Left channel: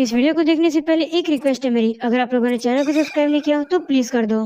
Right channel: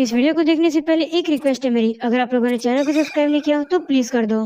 इस वीडियो को देखने से पहले एक रिक्वेस्ट है मेरी, अगर आप लोगों ने चैनल को सब्सक्राइब नहीं किया तो प्लीज कर दो।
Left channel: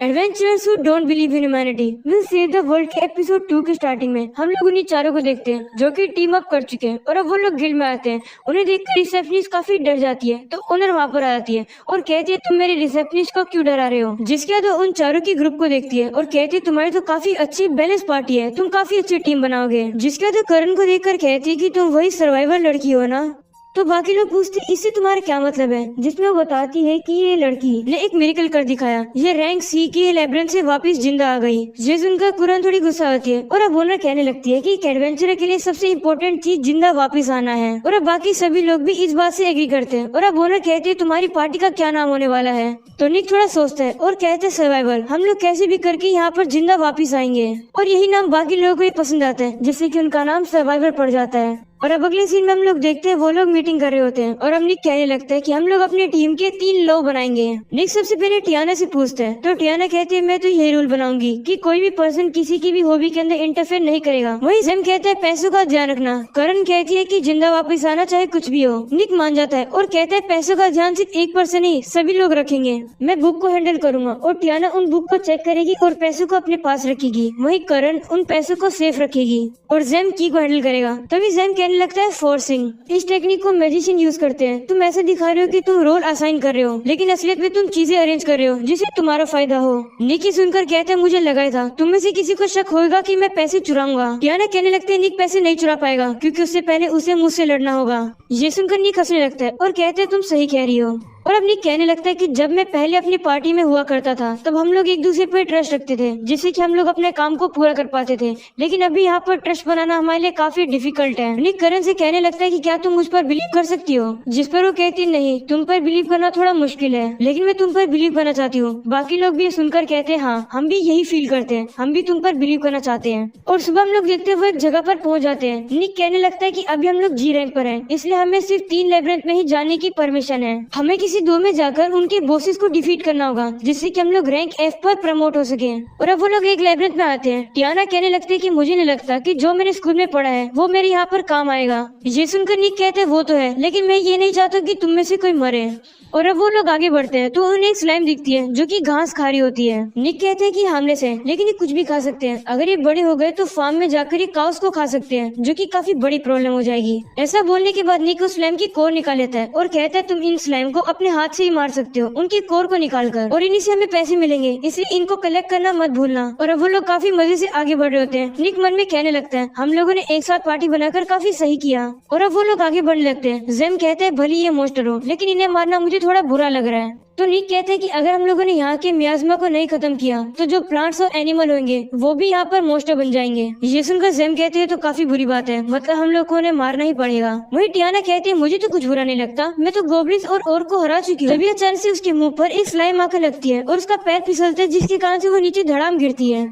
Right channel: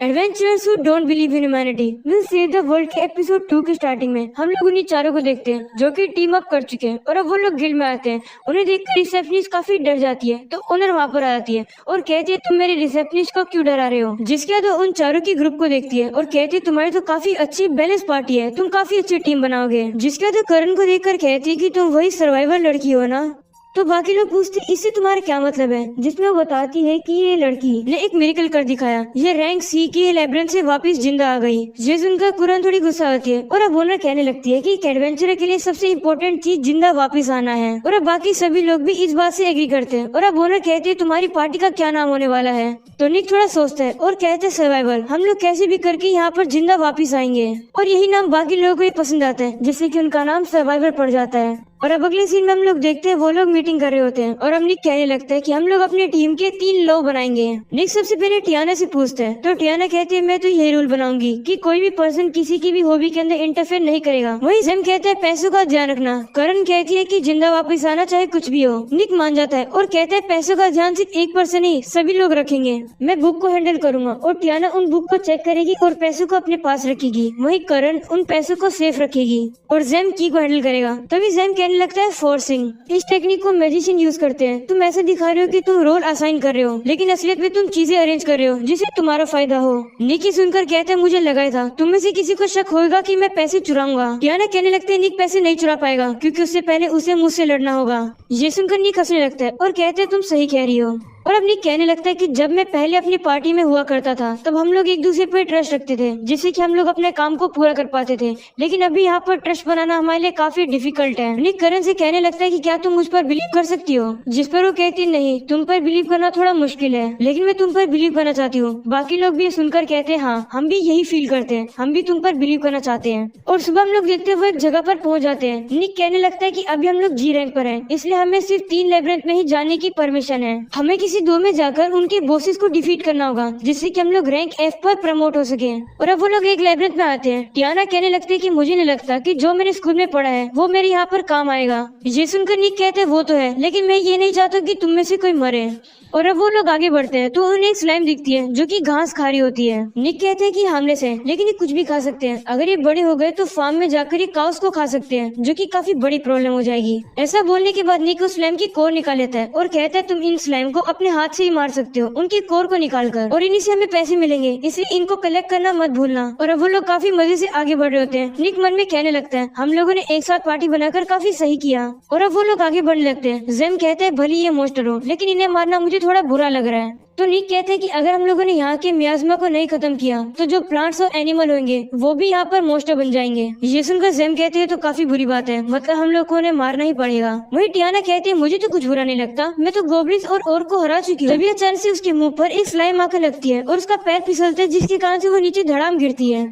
Adventurers who don't believe in humanity will save the world के एपिसोड 2 की स्टार्टिंग में हम लोग उन्हीं चारों को देखते हैं जो कि टीम अप कर चुके हैं और अब वो लोग गिल्ड में आते हैं। उन्हें देखकर रिसेप्शनिस्ट काफी डर जाती है तो ओनर वहाँ पर आ जाती है और कहती है तुम मेरे रिसेप्शनिस्ट को क्यों डरा रहे हो। जिसके बाद वो उन चारों की ग्रुप को देखती है और कहती है तुम्हारी तो काफी अच्छी बैलेंस पार्टी है, तुम काफी अच्छी टीम बनाओगे। जिसके बाद करण को देखकर कहती है कि तुम वही सर्वाइवल लड़की हो ना। तो बाकी लोग पूछते इससे तुम्हारा क्या मतलब है, जिसमें वो बताती है कि ये लड़की ने एक मिरेकल कर दिखाया, ये रैंक सी के लेब्रिंथ से वापस जिंदा आ गई। ये सुनकर कुरन थोड़ी गुस्सा आती है और अब ओनर कहने लगती है कि एक एडवेंचरर के लिए सबसे इम्पोर्टेंट चीज जिंदा वापस आना है। और अब बाकी सभी लोग भी इस बात से एग्री करते हैं। और अब ओनर कहती है तुम्हारी पार्टी का क्या नाम होने वाला है। तो निक थोड़ा सोचता है और कहते हैं सर्वाइवल, हम लोग कैसे भी करके यहाँ पर जिंदा वापस आएंगे। और यही नाम बाकी लोगों को भी पसंद आता है, जिससे कि उनका नाम सर्वाइवल पड़ जाता है। और अब अगले सीन में हम लोग देखते हैं वो लोग मीटिंग कर रहे होते हैं और अब निक कहने लगता है कि हम लोग अपनी टीम के 3 लॉ बनाएंगे। निक सबसे पहले टियाना से पूछते हैं तो टियाना कहती है मैं तो यही रूल बनाऊंगी कि कोई भी पर्सन किसी की भी हॉबी के अंदर इंटरफेयर नहीं करेगा। वही जेम कहते हैं पैसों का ध्यान रखना। करण कहती है कि जिंदा वापस आना चाहे कुछ भी हो। निक मान जाता है और कहता है पैसों का ध्यान सिर्फ एक पर्सन नहीं सभी लोग रखेंगे, मैं बुक को हैंडल करूंगा। और टियाना उन बुक को चेक करेगी और पैसों को अपने पास रखेगी। वही करण उन पैसों को सेफ रखेगी और जेम की को हैंडल करेगा। तभी जेम कहने लगता है फोर्सिंग, इस टेक्निक को मैजिशियन यूज करते हैं। तुम ऐसे दिखा रहे हो कि तुम रोल असाइन कर रहे हो, लेकिन असलियत में तुम चीजें अरेंज कर रहे हो जिससे तुम्हारा फायदा हो। निकी सुनकर कहता है मुझे लगा था तुम में से किसी को शक होगा कि मैं पैसे चुराऊंगा। टियाना कहने लगते है निक पैसे नहीं चुरा पाएगा क्योंकि उससे पहले उसे मुझसे लड़ना होगा। ये सुनकर निक हंसने लगता है और कहते है तुम सही कह रही हो। और अब निक कहने लगता है कि जब मैं पहले अपनी पार्टी में हुआ करता था तब हम लोग एक दूसरे पर ट्रस्ट रखते थे जिससे कि हम लोग अपने काम को पूरा कर पाते थे, लेकिन अभी यहाँ पर ट्रस्ट बनाना हमारे लिए काफी डिफिकल्ट है। निक करण से कहने लगता है कि क्या तुम मुझ पर बिलीव कर सकती हो। जिस पर वो कहती नहीं, तुम पर बिलीव करना थोड़ा मुश्किल है लेकिन मैं तुम पर बिलीव करना चाहती हूँ। बाकी लोग भी सुनकर कहते हैं हाँ हम भी यही फील करते हैं, हम भी तुम पर बिलीव करना चाहते हैं। और सुबह हम लोग देखते हुए एक जगह पर पहुँच जाते हैं। निक कहने लगता है की अभी हम लोग जी रैंक पर है, इसलिए हमें सिर्फ 3 लेब्रिंथ में ही जाने की परमिशन है। हमें किसी 2 में जाकर उनके बॉसेस को डिफीट करना होगा जिससे कि हम लोग रैंक F पर प्रमोट हो सके। और अब वो लोग एक लेब्रिंथ में आते हैं। टियाना कहने लगती है कि मुझे नहीं लगता कि जो मैंने स्कूल में पढ़ा है वो मेरे यहाँ पर काम आएगा। ये सुनकर निक कहते हैं वो तो है, लेकिन मैं ये नहीं चाहता कि तुम में से कोई मरे। और अब वो लोग आगे बढ़ते हैं तो उन्हें एक स्लाइम दिखती है जो कि घास खा रही होती है। निक कहते हैं कि हार्मलेस है लेकिन ये कुछ भी खा सकते हैं, अगर ये बड़े हो गए तो फार्म में जाकर ये काउस को खा सकते हैं जो कि काफी बड़ी प्रॉब्लम हो जाएगी। ऐसा बोलने के बाद निक उस स्लाइम की कोर निकाल लेता है और कहता है तुम इन स्लाइम को अपने हाथ से ही मार सकते हो उनकी कोर को निकालकर, और इन्हीं से हमें पैसे मिलेंगे, इसलिए इनको कलेक्ट करना मत भूलना। और अब वो लोग काफी मजे से आगे बढ़ रहे होते हैं। निक मन में कहने लगता है हम लोगों ने एक साथ पार्टी बनाकर काफी सही किया। और अब वो लोग आगे बढ़ने लगते हैं। जेम कहते हैं भले ये मॉन्स्टर हो लेकिन इन्हें मारना मुझे थोड़ा बुरा लग रहा है। तो निक कहते हैं कि अगर हम लोगों ने यहाँ के मियाज़मा को नहीं खत्म किया तो जो प्लांट्स और एनिमल होंगे वो भी यहाँ पर मॉन्स्टर बन जाएंगे। ये सुनकर जेम कहती है तो काफी बुरी बात है, मतलब हम लोग को उन्हें मारना ही पड़ेगा। वही टियाना कहती है मुझे तो कुछ बुरा नहीं लगता, मैं तो गोब्लिन्स और ओर को हरा चुकी हूँ। तभी अचानक से उसके मुंह पर एक स्लाइम आकर लगती है और उसका पैर फिसलता है जिसके कारण से वो नीचे धड़ाम गिरती है।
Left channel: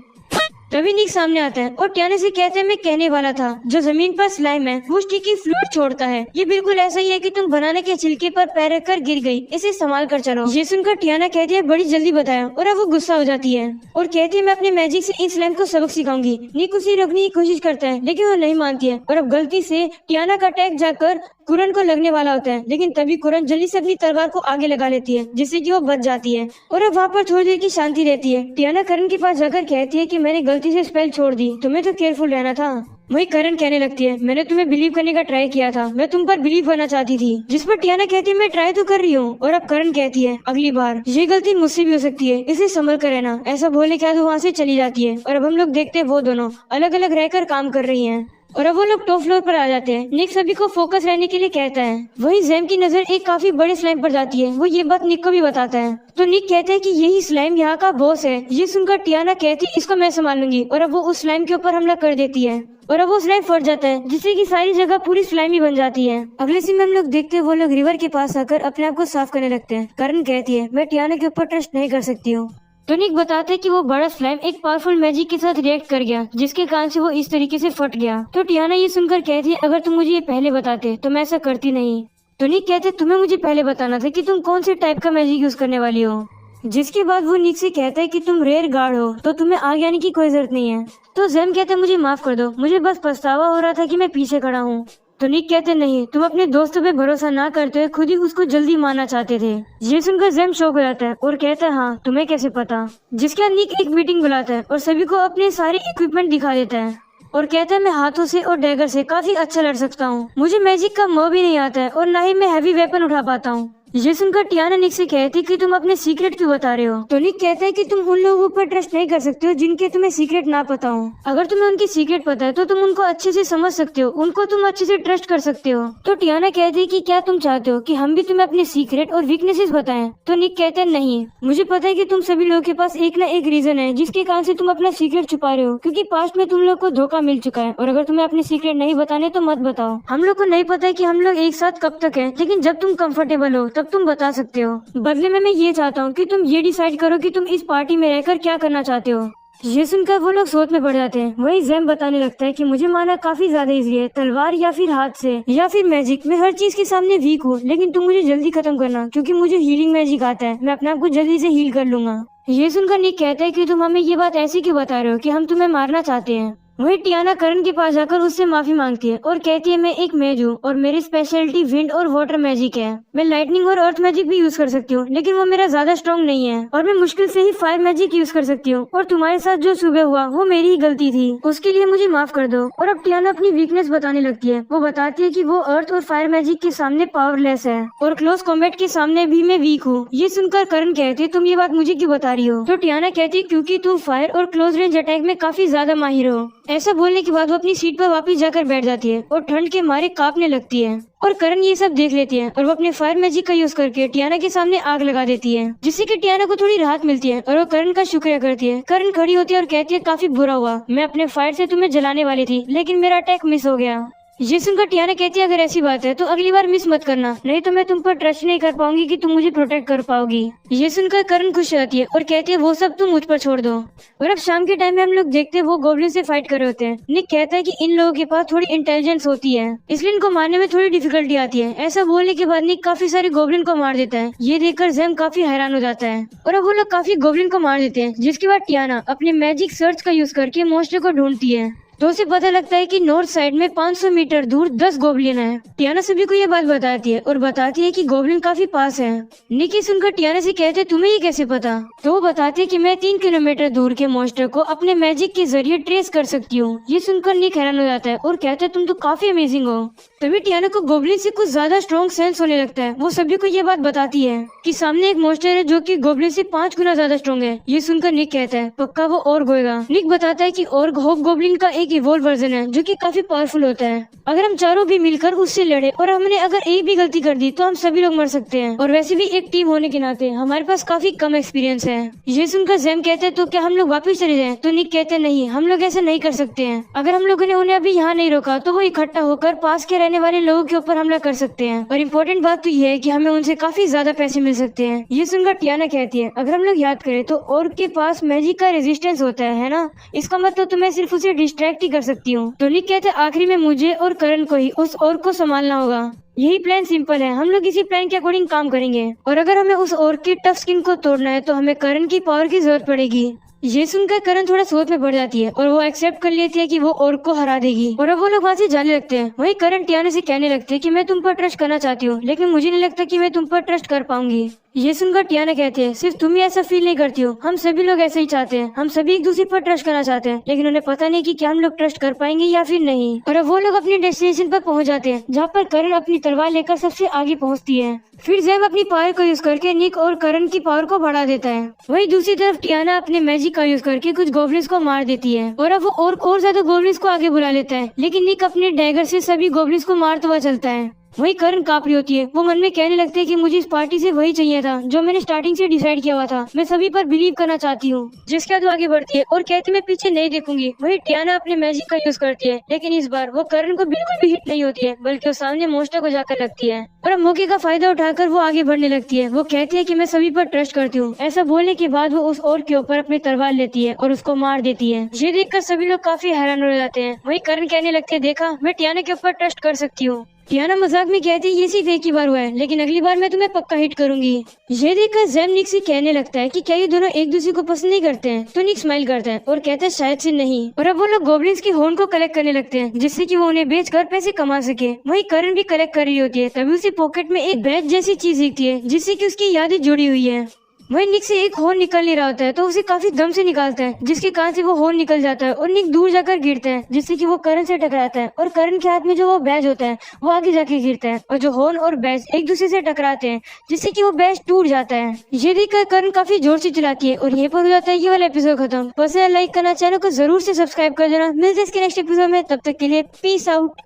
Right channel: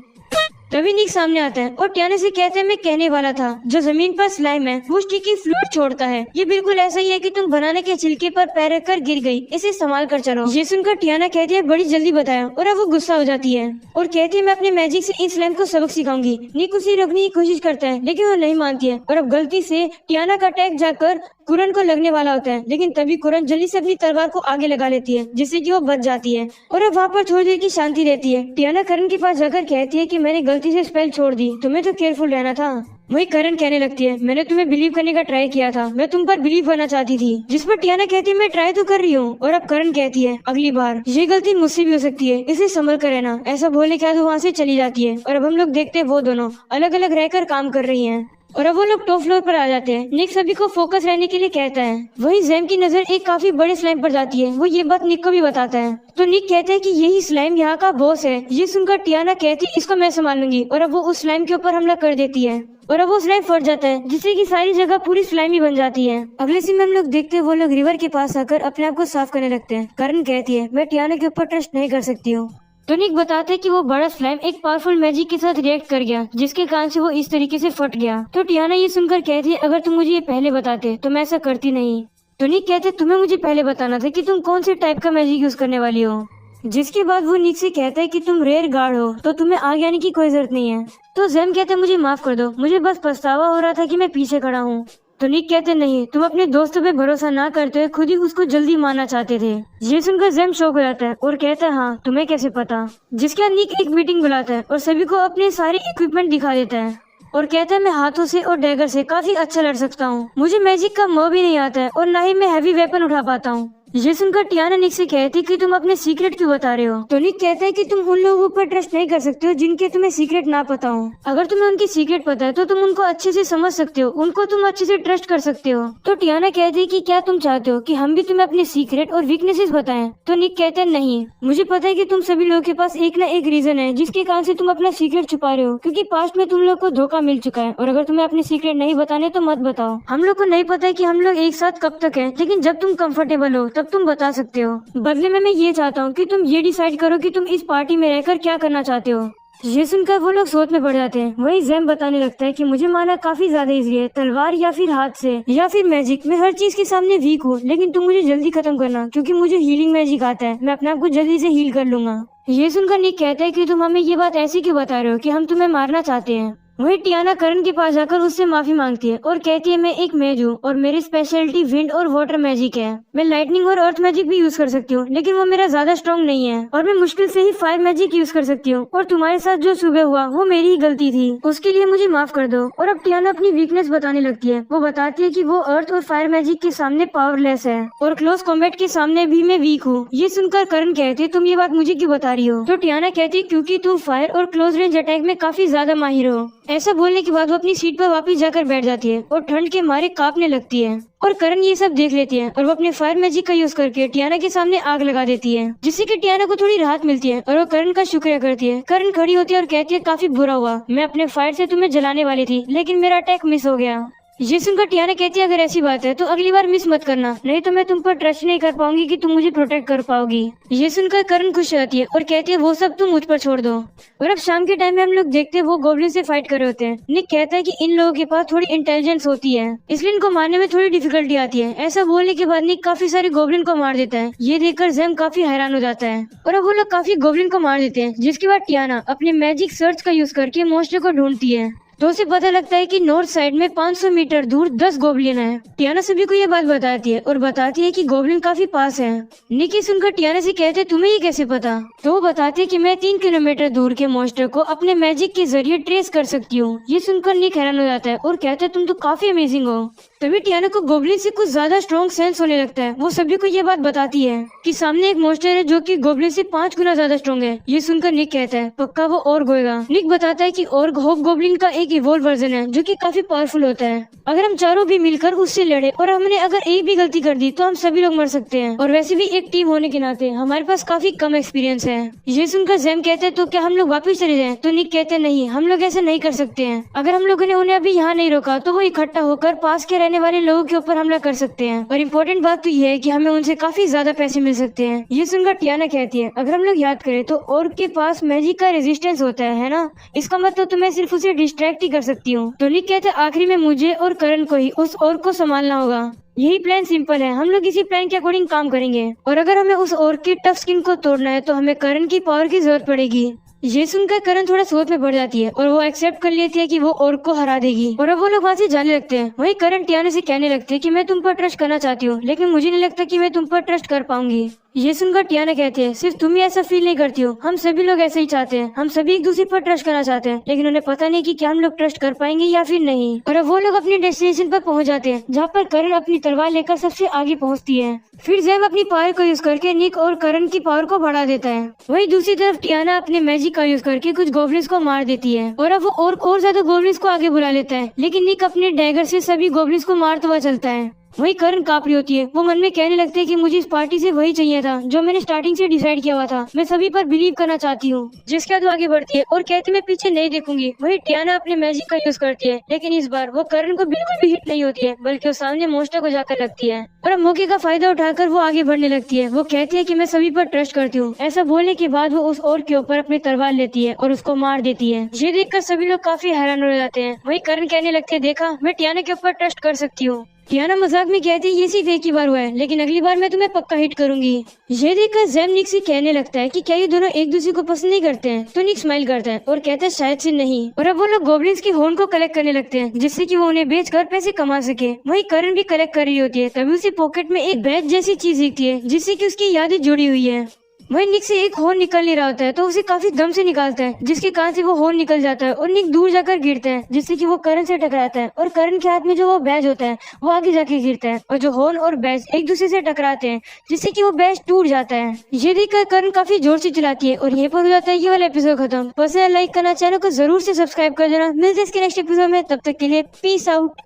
तभी निक सामने आता है और टियाना से कहते हैं मैं कहने वाला था जो जमीन पर स्लाइम है वो स्टिकी फ्लूइड छोड़ता है, ये बिल्कुल ऐसा ही है कि तुम बनाने के छिलके पर पैर रखकर गिर गई, इसे संभाल कर चलो। ये सुनकर टियाना कहती है बड़ी जल्दी बताया। और अब वो गुस्सा हो जाती है और कहती है मैं अपने मैजिक से इन स्लाइम को सबक सिखाऊंगी। निक उसे रोकने की कोशिश करता है लेकिन वो नहीं मानती है और अब गलती से टियाना का अटैक जाकर कुरन को लगने वाला होता है, लेकिन तभी कुरन जल्दी से अपनी तलवार को आगे लगा लेती है जिससे कि वो बच जाती है। और अब वहाँ पर थोड़ी देर की शांति रहती है। टियाना करण के पास जाकर कहती है कि मैंने गलती से स्पेल छोड़ दी, तुम्हें तो केयरफुल रहना था। वही करण कहने लगती है मैंने तुम्हें बिलीव करने का ट्राई किया था, मैं तुम पर बिलीव करना चाहती थी। जिस पर टियाना कहती है मैं ट्राई तो कर रही हूँ। और अब करण कहती है अगली बार ये गलती मुझसे भी हो सकती है, इसे संभल कर रहना। ऐसा बोलने के बाद वहाँ से चली जाती है। और अब हम लोग देखते हैं वो दोनों अलग अलग रहकर काम कर रही हैं। और अब वो लोग टॉप फ्लोर पर आ जाते हैं। निक सभी को फोकस रहने के लिए कहता है। वही जेम की नजर एक काफी बड़े स्लाइम पर जाती है, वो ये बात निक को भी बताता है। तो निक कहते हैं कि यही स्लाइम यहाँ का बॉस है। ये सुनकर टियाना कहती है इसको मैं संभाल लूंगी। और अब वो उस स्लाइम के ऊपर हमला कर देती है और अब वो स्लाइम फट जाता है जिससे कि सारी जगह पूरी स्लाइमी बन जाती है। अगले सीन में हम लोग देखते हैं वो लोग रिवर के पास आकर अपने आप को साफ करने लगते हैं। करण कहती है मैं टियाना के ऊपर ट्रस्ट नहीं कर सकती हूँ। तो निक बताते कि वो बड़ा स्लाइम एक पावरफुल मैजिक के साथ रिएक्ट कर गया जिसके कारण से वो इस तरीके से फट गया। तो टियाना ये सुनकर कहती है अगर तुम मुझे ये पहले बताते तो मैं ऐसा करती नहीं। तो निक कहते तुम्हें मुझे पहले बताना था कि तुम कौन से टाइप का मैजिक यूज करने वाली हो। जिसके बाद वो निक से कहता है कि तुम रेयर गार्ड हो तो तुम्हें आगे आने की कोई जरूरत नहीं है। तो जेम कहते मुझे माफ कर दो, मुझे बस पछतावा हो रहा था कि मैं पीछे खड़ा हूँ। तो निक कहते नहीं, तुम अपने दोस्तों पे भरोसा ना करते हुए खुद ही उसको जल्दी मारना चाहते थे। ये सुनकर जैम शॉक हो जाता है और कहता है हाँ तुम्हें कैसे पता। जिसके बाद निक एक मीटिंग बुलाता है और सभी को अपने सारे इक्विपमेंट दिखा देता है और कहता है मैं हाथों से और डैगर से काफी अच्छा लड़ सकता हूँ। मुझे मैजिक का मोह भी नहीं आता है और न ही मैं हैवी वेपन उठा पाता हूँ। ये सुनकर टियाना निक से कहती कि तुम अपने सीक्रेट क्यों बता रहे हो। तो निक कहता है कि तुम उन लोगों पर ट्रस्ट नहीं कर सकते हो जिनके तुम्हें सीक्रेट ना पता हो। अगर तुम्हें उनकी सीक्रेट पता है तो तुम उनको अच्छे से समझ सकते हो, उनको तुम अच्छे से ट्रस्ट कर सकते हो। तो टियाना कहती है कि क्या तुम चाहते हो कि हम भी तुम्हें अपने सीक्रेट और वीकनेसेस बताएं। तो निक कहता है नहीं, मुझे पता है कि तुम सभी लोगों के पास एक न एक रीजन है जिसके कारण से तुम अपना सीक्रेट छुपा रहे हो, क्योंकि पास्ट में तुम लोग को धोखा मिल चुका है। और अगर तुम्हें अपने सीक्रेट नहीं बताने तो मत बताओ। हम लोग को नहीं पता है कि हम लोग एक साथ कब तक है, लेकिन जब तुम कंफर्टेबल हो तब तुम बता सकते हो। बदले में मैं ये चाहता हूँ कि तुम ये डिसाइड करो कि तुम इस पार्टी में रहकर क्या करना चाहते हो। ये सुनकर वो लोग सोच में पड़ जाते हैं। वही जैम बताने लगता है कि मुझे मारना काफी ज्यादा इजी है, तलवार या फिर हाथ से या फिर मैजिक। मैं हर चीज के सामने वीक हूँ, लेकिन तुम मुझे जल्दी खत्म करना क्योंकि मुझे हीलिंग मैजिक आता है। मैं अपने आप को जल्दी से हील कर लूंगा। ये सुनकर निक कहते हैं कि तुम हमें ये बात ऐसी क्यों बता रहे हो कि हम तुम्हें मारना चाहते हैं। वही टियाना करण के पास जाकर उससे माफी मांगती है और कहती है मैं एक मेज हूँ और मेरी स्पेशलिटी विंड और वाटर मैजिक है। मैं लाइटनिंग और अर्थ मैजिक भी यूज कर सकती हूँ, लेकिन वो मेरा ज्यादा स्ट्रॉन्ग नहीं है और मैं मुश्किल से ही फायर मैजिक यूज कर सकती हूँ। और तुम्हारे साथ जो सुबह हुआ वो मेरी ही गलती थी, उसके लिए मुझे माफ कर दो। और अब टियाना अपनी वीकनेस बताने लगती है। वो बताती है कि वो अर्थ और फायर मैजिक के सामने पावरलेस है और क्लोज कॉम्बैट के सामने भी मैं वीक हूँ। ये सुनकर करण कहते तुम ये बात मुझे क्यों बता रही हो। तो टियाना कहती क्योंकि तुम फायर और क्लोज रेंज अटैक में काफी ज्यादा माहिर हो। ऐसा बोलने के बाद वो अपनी सीट पर वापस जाकर बैठ जाती है और ठंड के मारे कांपने लगती है। और करण ये सब देख लेती है और वो अपने फायर मैजिक का यूज करके टियाना के सामने आग लगा देती है, जिससे कि टियाना को थोड़ी राहत मिलती है और वो करण का शुक्रिया करती है। करण खड़ी होती है और कहती है काफी बुरा हुआ, मैं अपने फायर से तुम्हें जलाने वाली थी लेकिन मेरा अटैक मिस हो गया। ये सुनकर टियाना कहती है अगर ऐसी बात है तो अगली बार मिस मत करना, नहीं तो मैं तुम पर ट्रस्ट नहीं कर पाऊंगी कि तुम मुझे प्रोटेक्ट कर पाओगी। ये सुनकर करण खुश रहती है और कहती है वो सब तुम मुझ पर छोड़ दो। और अब शाम के टाइम में हम लोग देखते हैं वो गोब्लिन से फाइट कर रहे होते हैं। निक कहता है कि इन लोगों के पास थोड़ी इंटेलिजेंस होती है, इसलिए इनको मारने में थोड़ी डिफिकल्टी आती है। ऐसा बोलने के बाद निक काफी सारे गोब्लिन को मार देता है। ये देखकर जैम काफी हैरान हो जाता है और अब वो लोग काफी गोब्लिन को मार देते हैं। जिसके बाद टियाना अपनी मैजिक सर्च का यूज करके मॉन्स्टर को ढूंढती है। तो उसे पता लगता है कि नॉर्थ साइड में 500 मीटर दूर 10 गोब्लिन है। टियाना सभी को ये बात बताती है और बताती है कि गोब्लिन काफी पास है। निकी सुनकर टियाना से कहते तुम्हें ये कैसे पता। तो वो बताती है कि मैं 3 किलोमीटर दूर के मॉन्स्टर को अपने मैजिक के जरिए ट्रेस कर सकती हूँ। ये सुनकर निक हैरान हो जाता है और कहता है तुम तो काफी अमेजिंग हो। तभी टियाना को गोब्लिन से कुछ ज्यादा स्ट्रॉन्ग सेंस होने लगता है। वो सभी को ये बात बताती है कि सामने एक मॉन्स्टर है जो कि गोब्लिन से 5 गुना ज्यादा स्ट्रॉन्ग है। ये सुनकर निक कहता है पक्का वो ऑर्ग होगा। निक बताता है कि ऑर्ग होप गोब्लिन का एक इवॉल्व वर्जन है जो कि काफी पावरफुल होता है। अगर हम चारों भी मिलकर उससे लड़े और हमने अगर एक भी गलती कर दी तो हम सभी लोग मर सकते हैं। और वैसे भी एक टीम होने के नाते हमारे पास काफी कम एक्सपीरियंस है। ये सुनकर जैम कहते हैं तो क्या हम लोग वापस चले जाएं? तो निक कहते हैं नहीं, हम लोग ऐसा नहीं कर सकते हैं। अगर हम लोगों ने उन्हें अभी यहाँ नहीं रोका तो वो इकट्ठा होकर पास के रहने वाले लोगों के ऊपर हमला कर सकते हैं। और इम्पोर्टेंट बात तो ये है कि हमें उनसे काफी ज्यादा पैसे मिल सकते हैं। ये सुनकर टियाना कहती है अगर हम लोग याद करें तो ऑर्ग के पास मैजिक का रेजिस्टेंस होता है ना, इसका मतलब तो मैं सिर्फ उसे डिस्ट्रैक्ट ही कर सकती हूँ। तो निक कहते आखिरी में मुझे और करण को ही उस ऑर्ग को संभालना होगा। यही प्लान सिंपल है, हम लोग इसी प्लान के अकॉर्डिंग काम करेंगे। और अगर हमें उस ऑर्ग के टफ स्किन को तोड़ना है तो हमें करण की पावर की जरूरत पड़ेगी। ये सुनकर करण थोड़ा सोच में पड़ जाती है और वो एक्सेप्ट कर लेती है कि वो ऑर्ग को हरा देगी। और अब वो लोग वहाँ से जाने लगते हैं। वही करण टियाना से कहने लगते हैं कि मैं तुम पर ट्रस्ट करना चाहती हूँ, लेकिन मुझे नहीं लगता कि मैं तुम पर ट्रस्ट कर पाऊंगी। ये सुनकर टियाना कहते हैं सिर्फ तुम ही ऐसा फील नहीं करती हो, हम सभी लोग ऐसे ही चाहते हैं। हम सभी एक दूसरे पर ट्रस्ट करना चाहते हैं, लेकिन उन्हें पता नहीं कि क्या हम लोग ट्रस्ट कर पाएंगे या फिर नहीं। और अब वो लोग अपने डेस्टिनेशन पर पहुंच जाते हैं, जहाँ पर करण अपनी तलवार लेकर सबसे आगे पहुंचती है। फिर जैम अपनी पावर को यूज करके निक और करण की पावर को बढ़ा देता है। वहीं दूसरी तरफ टियाना अपने मैजिक का यूज करके कुछ गोब्लिन्स को मार देती है और अब वो और ज्यादा गोब्लिन्स को आगे बुला लेता है। लेकिन निक अपने डैगर से सभी गोब्लिन्स को मारता हुआ चलता है। वही करण कांप रही होती है। वो मन में कहने लगते हैं कि मुझे इस पार्टी से वही चाहिए था जो मैंने स्टार्टिंग से डिसाइड किया हुआ था। मैं सभी पर बिलीव करना चाहती हूँ। जिसके बाद वो आगे बढ़ती है और कहती मैं पीछे नहीं देखूंगी। वही टियाना अपने मैजिक का यूज करती है, लेकिन इस बार वो करण को बिल्कुल भी हिट नहीं होती है, बल्कि वो सामने मॉन्स्टर को जाकर लगती है। और अब मौके का फायदा उठाकर वो आगे बढ़ने लगती है। वो कहती है कि मैं सभी पर ट्रस्ट करती हूँ। ऐसा बोलने के बाद वो उस ऑर्ग के ऊपर अपनी तलवार लेती है और उसको मार देती है। ये देखकर सभी लोग काफी हैरान हो जाते हैं। वही करण कहने लगते हैं देखा, मैं टियाना के ऊपर ट्रस्ट कर सकती हूँ। कियाना मजाक में कहती है ये सिर्फ एक ही बार हुआ है, लेकिन अगली बार मैं तुम्हें पक्का हिट करूंगी। ये देखकर जैम निक से कहने लगता है कि क्या ये दोनों एक दूसरे को पसंद नहीं करते हैं, तो निक स्माइल करता है और कहता है शायद से नहीं। और अब वो लोग गॉब्लिन्स की होर्न को कलेक्ट करने लगते हैं, जिससे कि वो उन्हें बेचकर पैसे कमा सके। वहीं करण भी कलेक्ट कर रही होती है, तभी उसी पॉकेट में एक बैग जैसी चीज दिखती है, जिससे कि उसकी यादें जुड़ी हुई है। वही निक से एक होर्न निकल नहीं रहा होता है, तो उसे काफी दम से निकालता है, जिसके कारण से वो होर्न निकल जाता है और निक दूर जाकर गिरता है, जिससे कि वो करण से टकराता है और करण के हाथ में जो वो बैज होता है वो आगे जाके गिरता है और जो होर्न और बैज एक दूसरे से टकराते हैं, जिससे कि वो बैज टूट जाता है। ये देखकर करण काफी जोर से चिल्लाती है और ये पर हो जाता है ये वाला एपिसोड खत्म। बस लाइक करना, चैनल को जरूर से सब्सक्राइब कर देना। मिलते हैं इसके नेक्स्ट एपिसोड में, तब तक के लिए पीस आउट।